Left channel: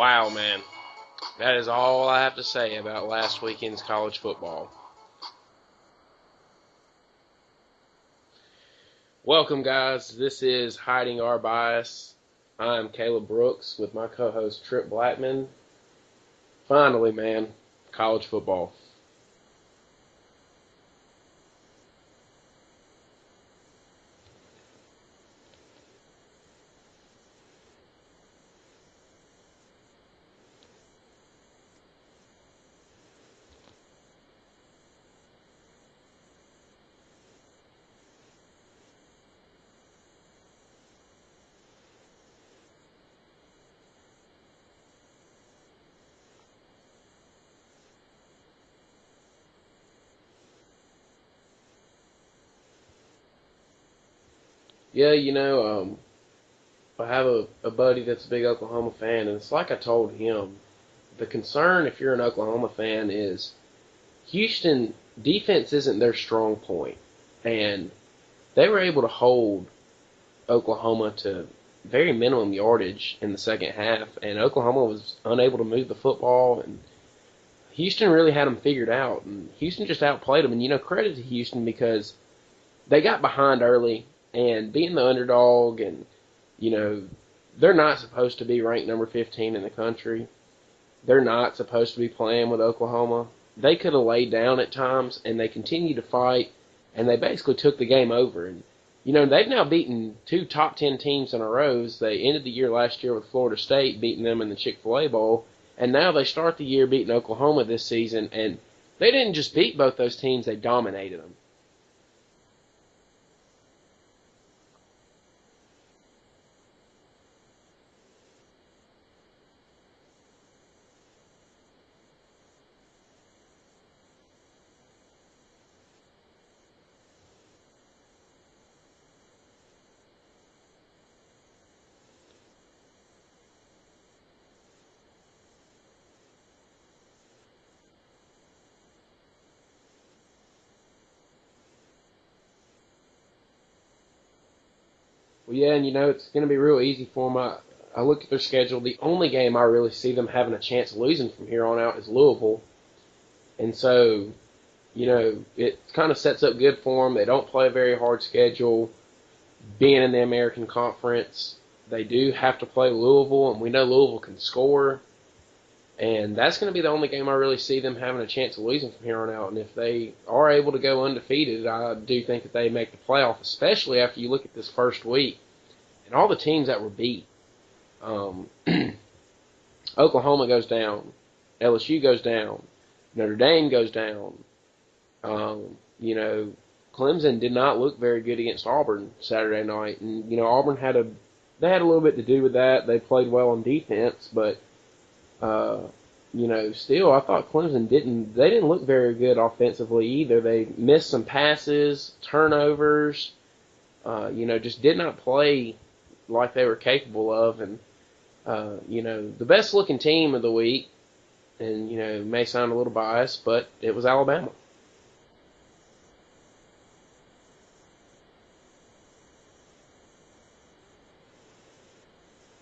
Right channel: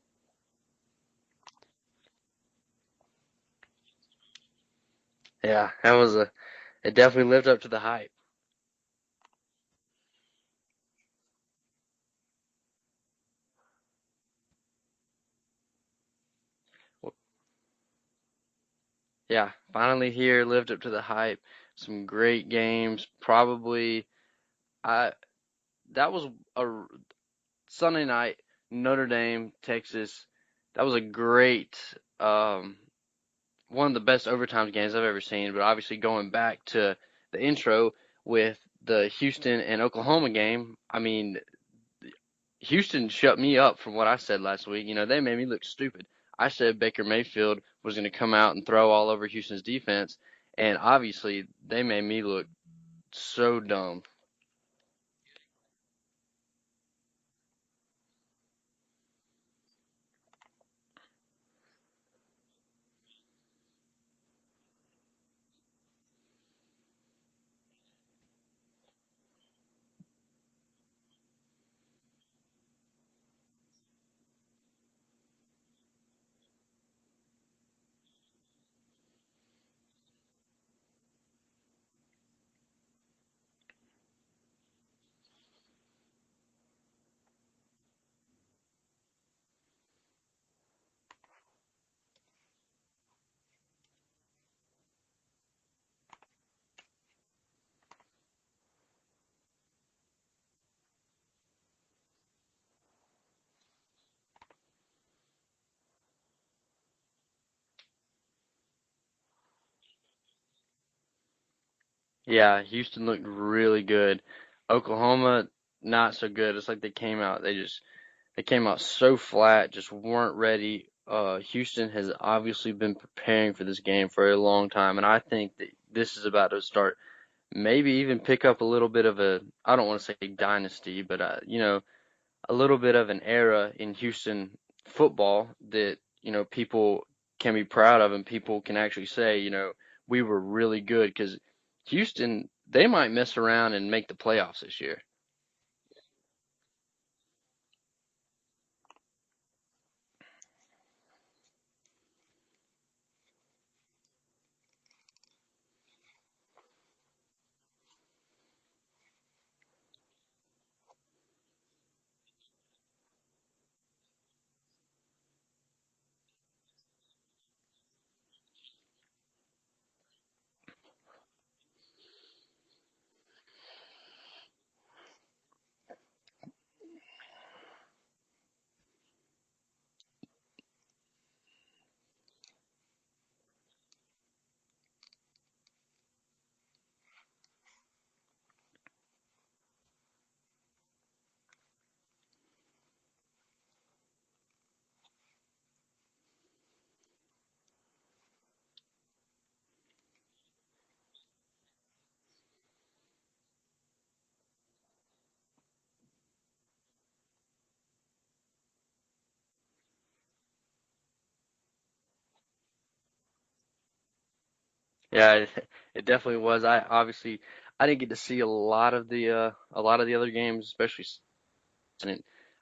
Wow, man. That is all I have to say about last weekend's college football. Yeah, it definitely lived up to the hype. Welcome, guys. This is Hiding Our Bias. I'm Caleb Brooks with my co-host Tripp Blackmon. Finally, man, college football. Yeah, finally here, lived up to the hype. Some great games. Probably, I that was a Sunday night, Notre Dame, Texas. That was a great, one of the best overtime games I've ever seen. But obviously, going back to the intro with the Houston and Oklahoma game, I mean, Houston shut me up from what I said last week. They made me look stupid. I said Baker Mayfield was going to come out and throw all over Houston's defense, and obviously they made me look so dumb. Yeah, I have a buddy that's a big Oklahoma fan, and it's like I told him. The concern, if you're an Oklahoma fan, is Houston defense isn't their strong point, and they were able to hold Oklahoma to very minimum yardage in the second half, and Oklahoma was unable to move the football, and Houston really had them figured out, and Houston just outplayed them. And credit to Houston because they got behind early, and being the underdog, and you know, they're not supposed to be ranked number 15 in the country. They're not supposed to be playing with Oklahoma. They could have laid down at times, and they continued to fight, and they basically took the game over. And they've now beaten two top 10 teams in a row. They ended the year last year with Florida State, beating them in the Chick-fil-A Bowl, and now they start the year beating Oklahoma this season. And they didn't just beat both those teams; they dominated them. Yeah, Houston looked really good. Oklahoma not so good. It's like they came out so flat, just weren't ready. Houston has obviously been preparing for this game for a long time, and I think that this is about to start. Maybe even pick up a little bit of I don't want to say dynasty, but a little bit of an era in Houston football that people can be proud of, and people can actually say we were really good, because Houston, they might mess around and make the playoffs this year. Well, yeah, and it's going to be real easy for them. I look at their schedule. The only game I really see them having a chance of losing from here on out is Louisville. And so, it kind of sets up good for them. They don't play a very hard schedule. Being in the American Conference, they do have to play Louisville, and we know Louisville can score. And that's going to be the only game I really see them having a chance of losing from here on out. And if they are able to go undefeated, I do think that they make the playoff, especially after you look at this first week and all the teams that were beat. Oklahoma goes down. LSU goes down. Notre Dame goes down. Um, Clemson did not look very good against Auburn Saturday night, and Auburn had a little bit to do with that. They played well on defense, but still I thought Clemson didn't look very good offensively either. They missed some passes, turnovers, just did not play like they were capable of, and the best looking team of the week, and may sound a little biased, but it was Alabama. Yeah, it definitely was. I didn't get to see a lot of the other games, especially.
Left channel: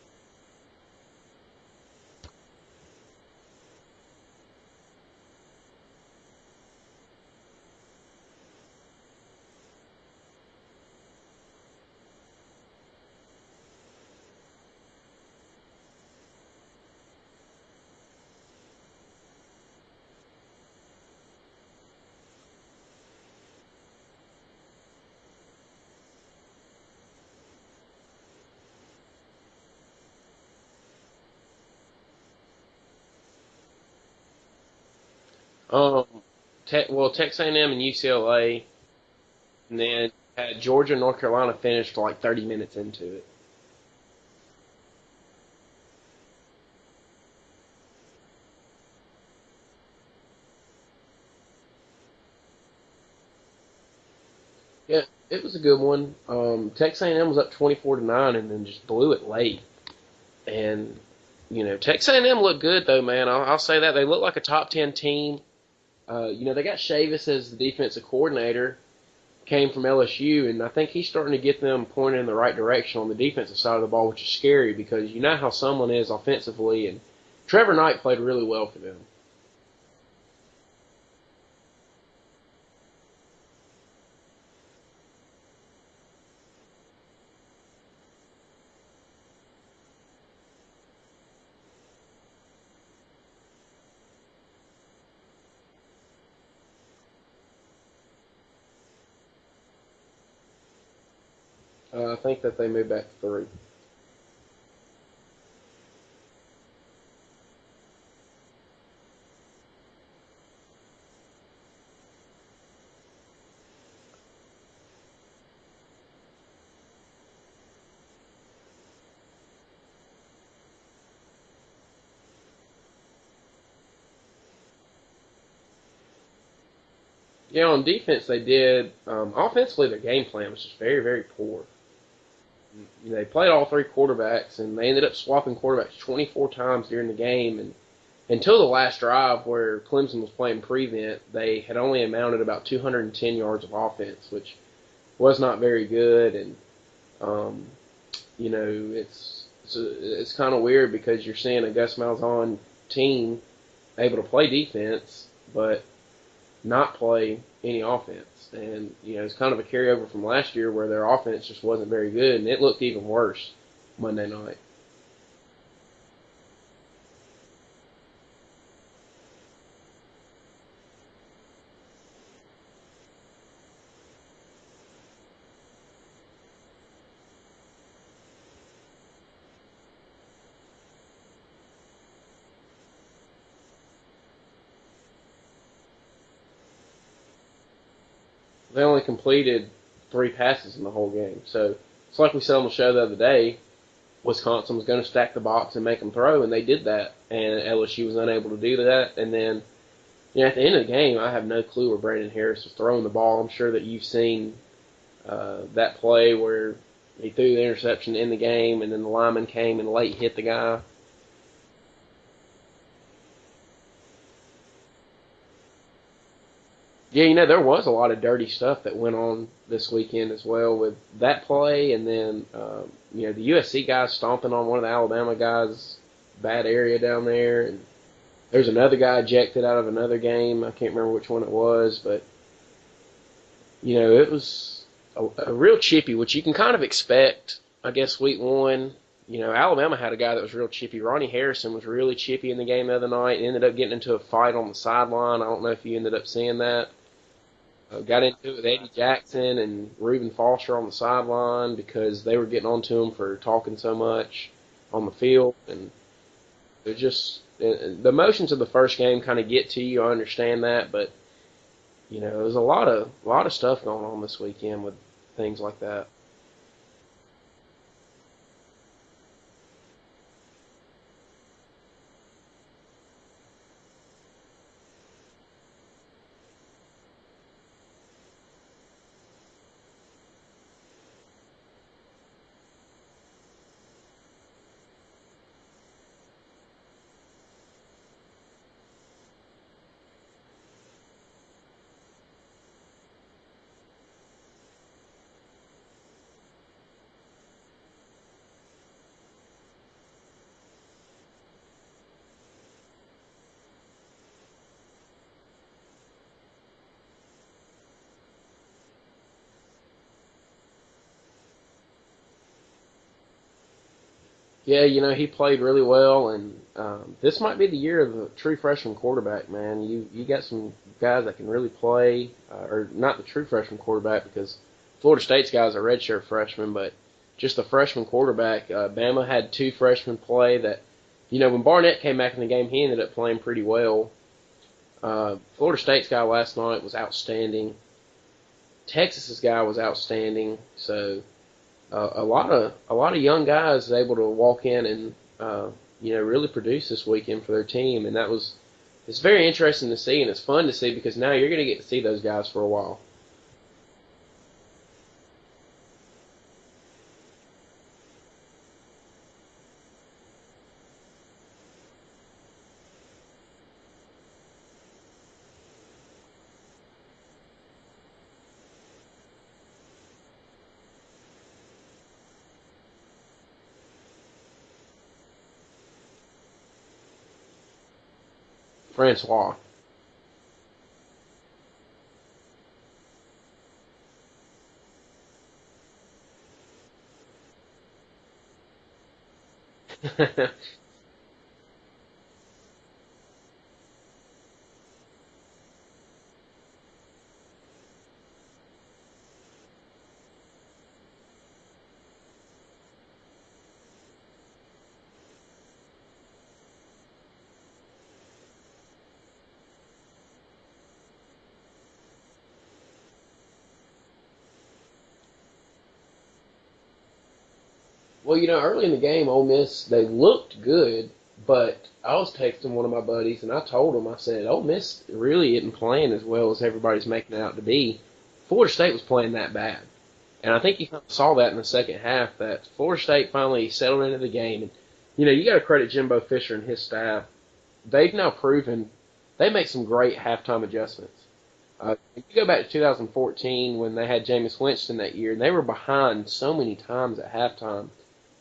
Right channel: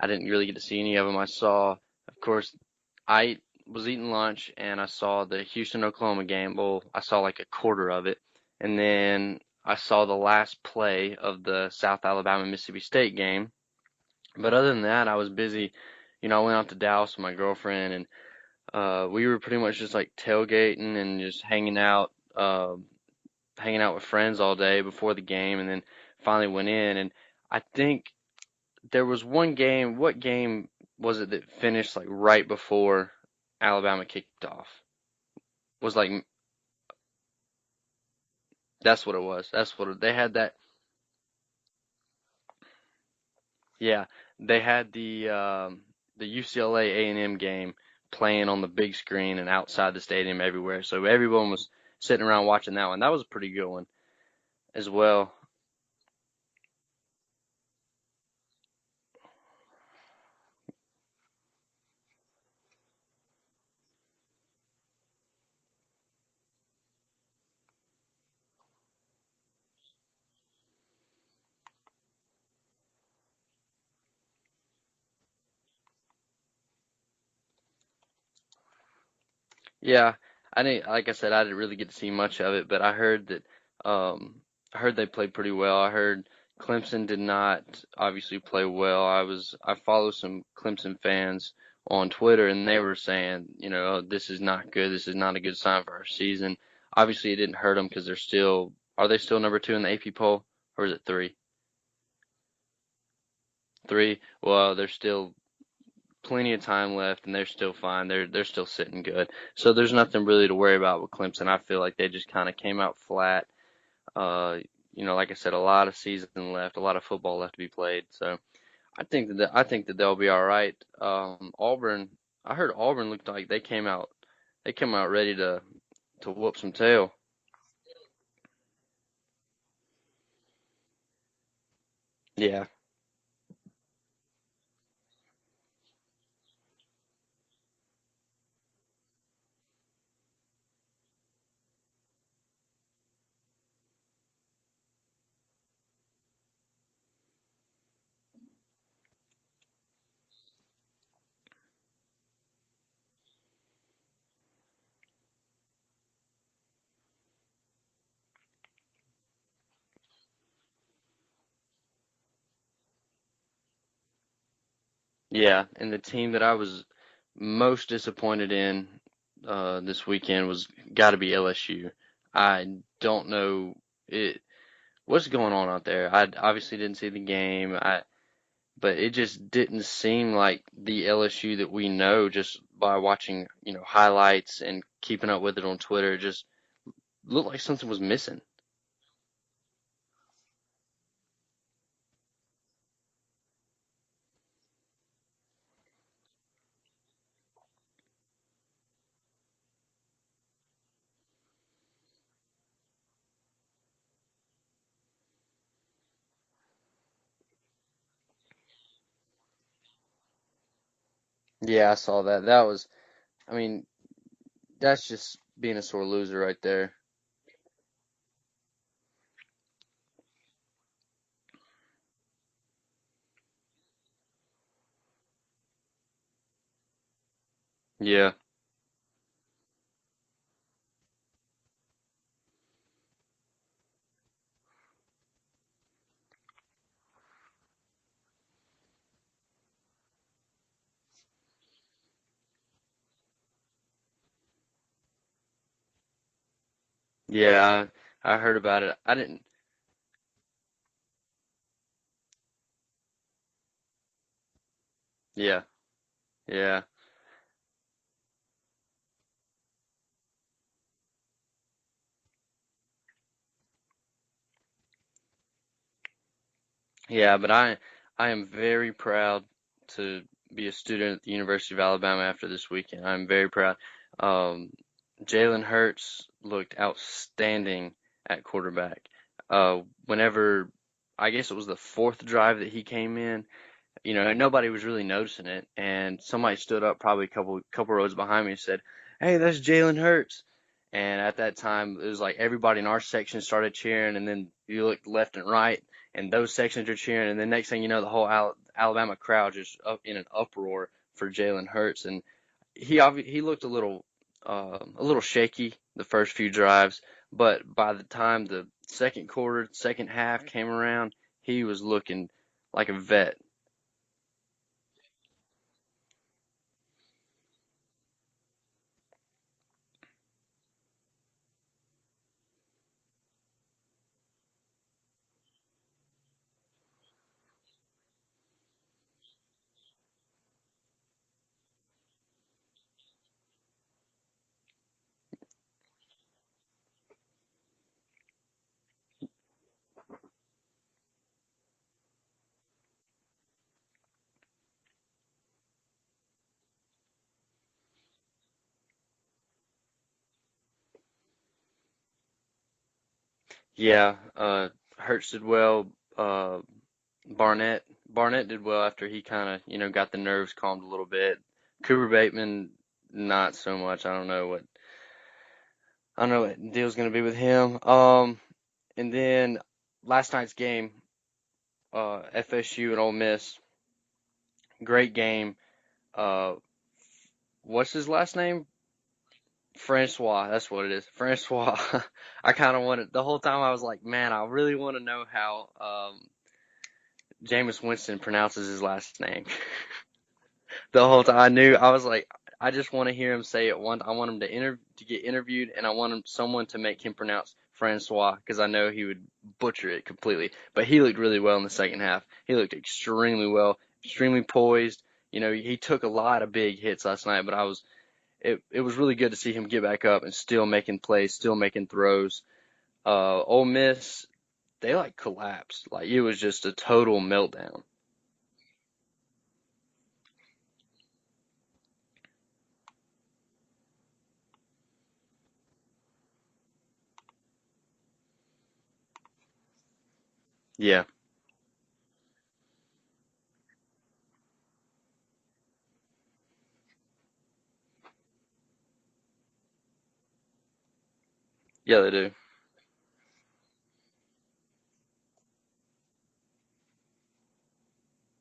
I didn't really get to see any of them. I saw, of course, I was eating lunch and I saw the Houston Oklahoma game. Well, I saw like a quarter of it, and then I saw the last play of the South Alabama Mississippi State game. But other than that, I was busy. I went out to Dallas with my girlfriend, and we were pretty much just like tailgating and just hanging out with friends all day before the game, and then finally went in. And I think there was one game. What game was it that finished like right before Alabama kicked off? It was Uh, like Texas A&M and UCLA, that's what it was. That's and what then they had that. Georgia and North Carolina finished like 30 minutes into it. Yeah, they had the UCLA A&M game playing on the big screen and outside the stadium everywhere. So everyone was sitting around watching that one. That was a pretty good one as Yeah, well. it was a good one. Texas A&M was up 24-9, and then just blew it late. And Texas A&M looked good though, man. I'll say that they look like a top 10 team. They got Chavis as the defensive coordinator, came from LSU, and I think he's starting to get them pointed in the right direction on the defensive side of the ball, which is scary because you know how someone is offensively, and Trevor Knight played really well for them. Yeah, I didn't. Like I said, I didn't really get to see much of it, but I heard that. I heard they played pretty well. I heard Clemson did not obviously play well. I follow some Clemson fans on Twitter, and they were saying, "Oh, this is not good. This is not a good sign for our season." Obviously, it didn't hurt them because they're still. Are they still number 2 in the AP poll, or is it 3? I think that they moved back to 3. 3. Well, there's still plenty of time left, and they're still fine. They're still sitting good. So there's nothing really to worry about with Clemson. I feel like they just kind of came out flat. Uh, like I said, a lot of season left, a lot of football left to be played. So I think that they'll be all right. Auburn, I heard Auburn looked like they came out ready to whoop some tail. Yeah, on defense they did. Offensively, their game plan was just very, very poor. Yeah, They played all 3 quarterbacks, and they ended up swapping quarterbacks 24 times during the game. And until the last drive, where Clemson was playing prevent, they had only amounted about 210 yards of offense, which was not very good. And um, it's kind of weird because you're seeing a Gus Malzahn team able to play defense, but not play any offense. And, it's kind of a carryover from last year where their offense just wasn't very good, and it looked even worse Monday night. yeah. And the team that I was most disappointed in this weekend was got to be LSU. I don't know it. What's going on out there? I obviously didn't see the game. But it just didn't seem like the LSU that we know just by watching, highlights and keeping up with it on Twitter. It just looked like something was missing. They only completed 3 passes in the whole game. So it's like we said on the show the other day, Wisconsin was going to stack the box and make them throw, and they did that. And LSU was unable to do that. And then, at the end of the game, I have no clue where Brandon Harris was throwing the ball. I'm sure that you've seen that play where he threw the interception in the game, and then the lineman came and late hit the guy. Yeah, I saw that. I mean, that's just being a sore loser right there. Yeah, there was a lot of dirty stuff that went on this weekend as well with that play, and then, the USC guys stomping on one of the Alabama guys' bad area down there. And Yeah. there's another guy ejected out of another game. I can't remember which one it was, but, it was a real chippy, which you can kind of expect, I guess, week 1. Alabama had a guy that was real chippy. Ronnie Harrison was really chippy in the game the other night. Ended up getting into a fight on the sideline. I don't know if you ended up seeing that. Yeah, Got I into it heard with about Eddie it. Jackson and Reuben Foster on the sideline because they were getting on to him for talking so much on the field. Yeah. And Yeah. they're just the emotions of the first game kind of get to you. I understand that, but there's a lot of stuff going on this weekend with things like that. Yeah, but I am very proud to be a student at the University of Alabama after this weekend. I'm very proud. Um, Jalen Hurts looked outstanding at quarterback. Whenever I guess it was the 4th drive that he came in, nobody was really noticing it, and somebody stood up probably a couple rows behind me and said, "Hey, that's Jalen Hurts." And at that time, it was like everybody in our section started cheering, and then you looked left and right, and those sections are cheering, and then next thing you know, the whole Alabama crowd just up in an uproar for Jalen Hurts, and he looked a little shaky the first few drives, but by the time the second quarter, second half came around, he was looking like a vet. Yeah, he played really well, and this might be the year of the true freshman quarterback, man. You got some guys that can really play, or not the true freshman quarterback because Florida State's guys are redshirt freshmen, but just the freshman quarterback. Bama had 2 freshmen play that, when Barnett came back in the game, he ended up playing pretty well. Florida State's guy last night was outstanding. Texas's guy was outstanding. So a lot of young guys able to walk in and really produce this weekend for their team, and it's very interesting to see, and it's fun to see because now you're going to get to see those guys for a while. Yeah, Hurts did well. Uh, Barnett did well after he kind of got the nerves calmed a little bit. Cooper Bateman, not so much. I don't know what the deal's gonna be with him. And then last night's game, FSU and Ole Miss, great game. Uh, what's his last name? Francois. Francois, that's what it is. Francois. I kind of wanted the whole time. I was like, man, I really want to know how Jameis Winston pronounces his last name. The whole time I was like, I just want to hear him say it once. I want him to get interviewed, and I want someone to make him pronounce Francois because I know he would butcher it completely. But he looked really well in the second half. He looked extremely well, extremely poised. He took a lot of big hits last night, but it was really good to see him get back up and still making plays, still making throws. Ole Miss, they collapsed. It was just a total meltdown. Well, early in the game, Ole Miss, they looked good, but I was texting one of my buddies, and I told him, I said, Ole Miss really isn't playing as well as everybody's making it out to be. Florida State was playing that bad. And I think you Yeah. saw that in the second half, that Florida State finally settled into the game. And, you got to credit Jimbo Fisher and his staff. They've now proven they make some great halftime adjustments. Yeah, they do. You go back to 2014 when they had Jameis Winston that year, and they were behind so many times at halftime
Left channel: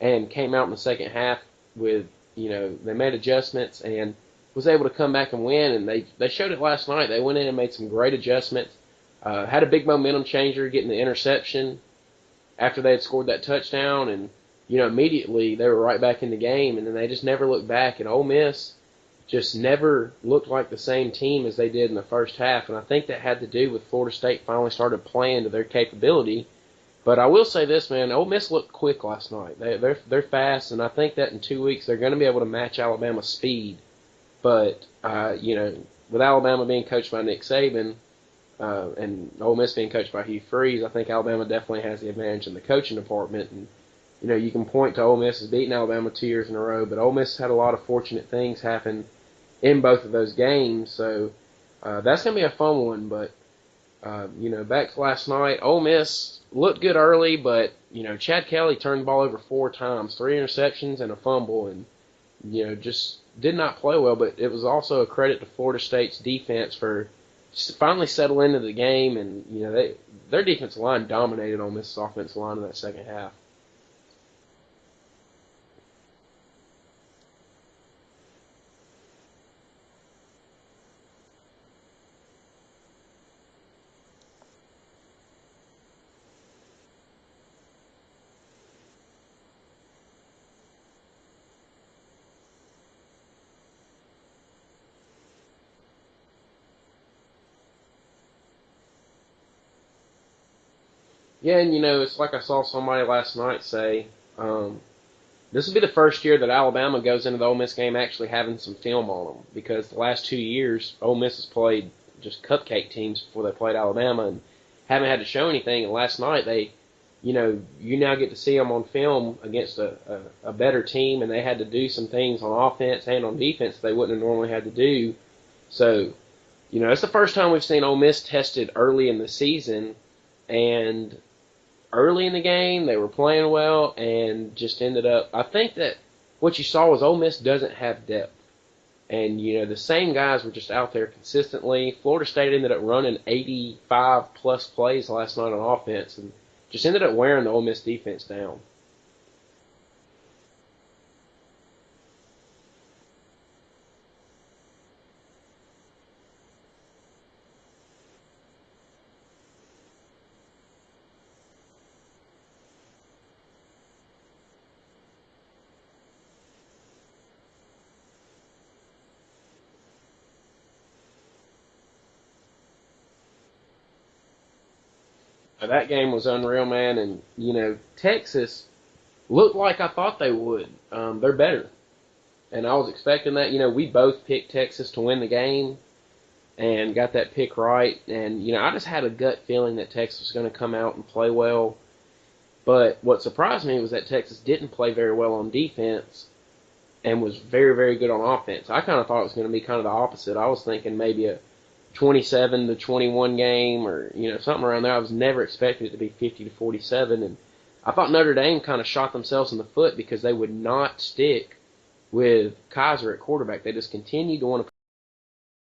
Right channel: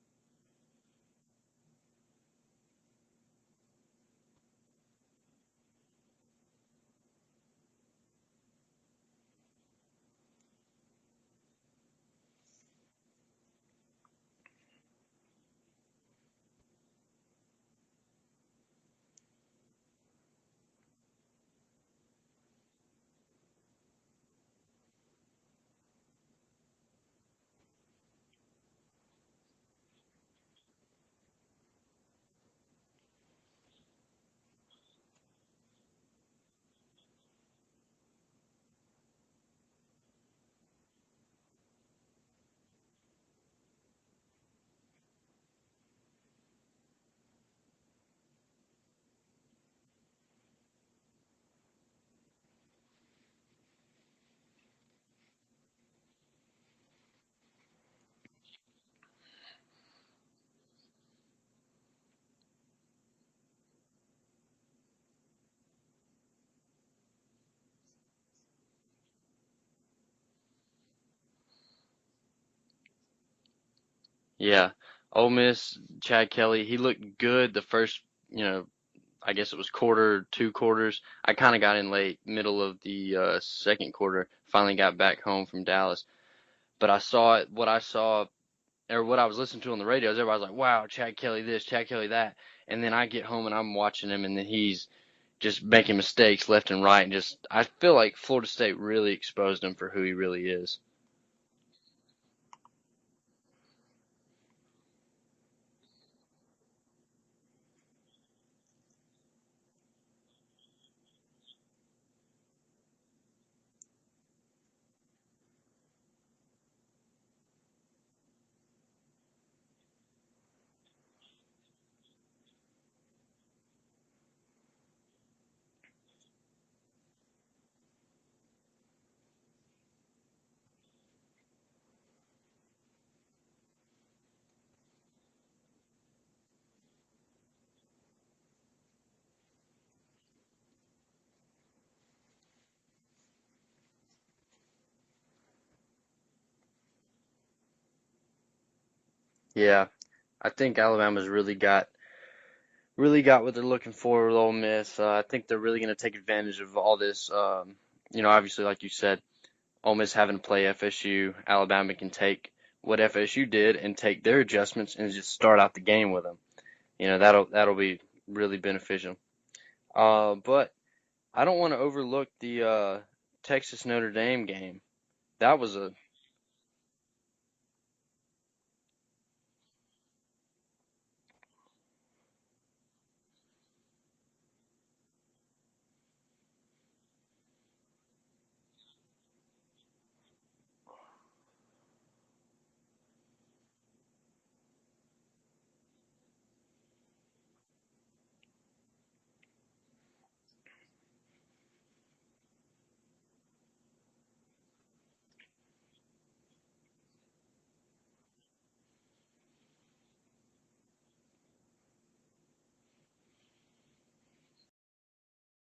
and came out in the second half with, they made adjustments and was able to come back and win. And they showed it last night. They went in and made some great adjustments. Had a big momentum changer getting the interception after they had scored that touchdown. And, immediately they were right back in the game. And then they just never looked back. And Ole Miss just never looked like the same team as they did in the first half. And I think that had to do with Florida State finally started playing to their capability. But I will say this, man, Ole Miss looked quick last night. They're fast, and I think that in 2 weeks they're going to be able to match Alabama's speed. But, with Alabama being coached by Nick Saban and Ole Miss being coached by Hugh Freeze, I think Alabama definitely has the advantage in the coaching department. And, you can point to Ole Miss as beating Alabama 2 years in a row, but Ole Miss had a lot of fortunate things happen in both of those games. So that's going to be a fun one. But, back to last night, Ole Miss looked good early, but, Chad Kelly turned the ball over 4 times, 3 interceptions and a fumble, and, just did not play well. But it was also a credit to Florida State's defense for finally settling into the game, and, their defensive line dominated Ole Miss's offensive line in that second half. Yeah. Ole Miss, Chad Kelly, he looked good the first, I guess it was quarter, 2 quarters. I kind of got in late, middle of the second quarter. Finally got back home from Dallas. But what I saw, or what I was listening to on the radio, everybody was like, wow, Chad Kelly this, Chad Kelly that. And then I get home and I'm watching him, and then he's just making mistakes left and right. And I feel like Florida State really exposed him for who he really is. Yeah, and, it's like I saw somebody last night say, this will be the first year that Alabama goes into the Ole Miss game actually having some film on them, because the last 2 years Ole Miss has played just cupcake teams before they played Alabama and haven't had to show anything. And last night you now get to see them on film against a better team, and they had to do some things on offense and on defense they wouldn't have normally had to do. So, it's the first time we've seen Ole Miss tested early in the season, and early in the game they were playing well and just ended up, I think that what you saw was Ole Miss doesn't have depth. And, the same guys were just out there consistently. Florida State ended up running 85-plus plays last night on offense and just ended up wearing the Ole Miss defense down. Yeah. I think Alabama's really got what they're looking for with Ole Miss. I think they're really going to take advantage of all this. Obviously, like you said, Ole Miss having to play FSU, Alabama can take what FSU did and take their adjustments and just start out the game with them. That'll be really beneficial. But I don't want to overlook the Texas Notre Dame game. That game was unreal, man. And, Texas looked like I thought they would. They're better. And I was expecting that. We both picked Texas to win the game and got that pick right. And, I just had a gut feeling that Texas was going to come out and play well. But what surprised me was that Texas didn't play very well on defense and was very, very good on offense. I kind of thought it was going to be kind of the opposite. I was thinking maybe a 27-21 game or, something around there. I was never expecting it to be 50-47. And I thought Notre Dame kind of shot themselves in the foot because they would not stick with Kaiser at quarterback. They just continued to want to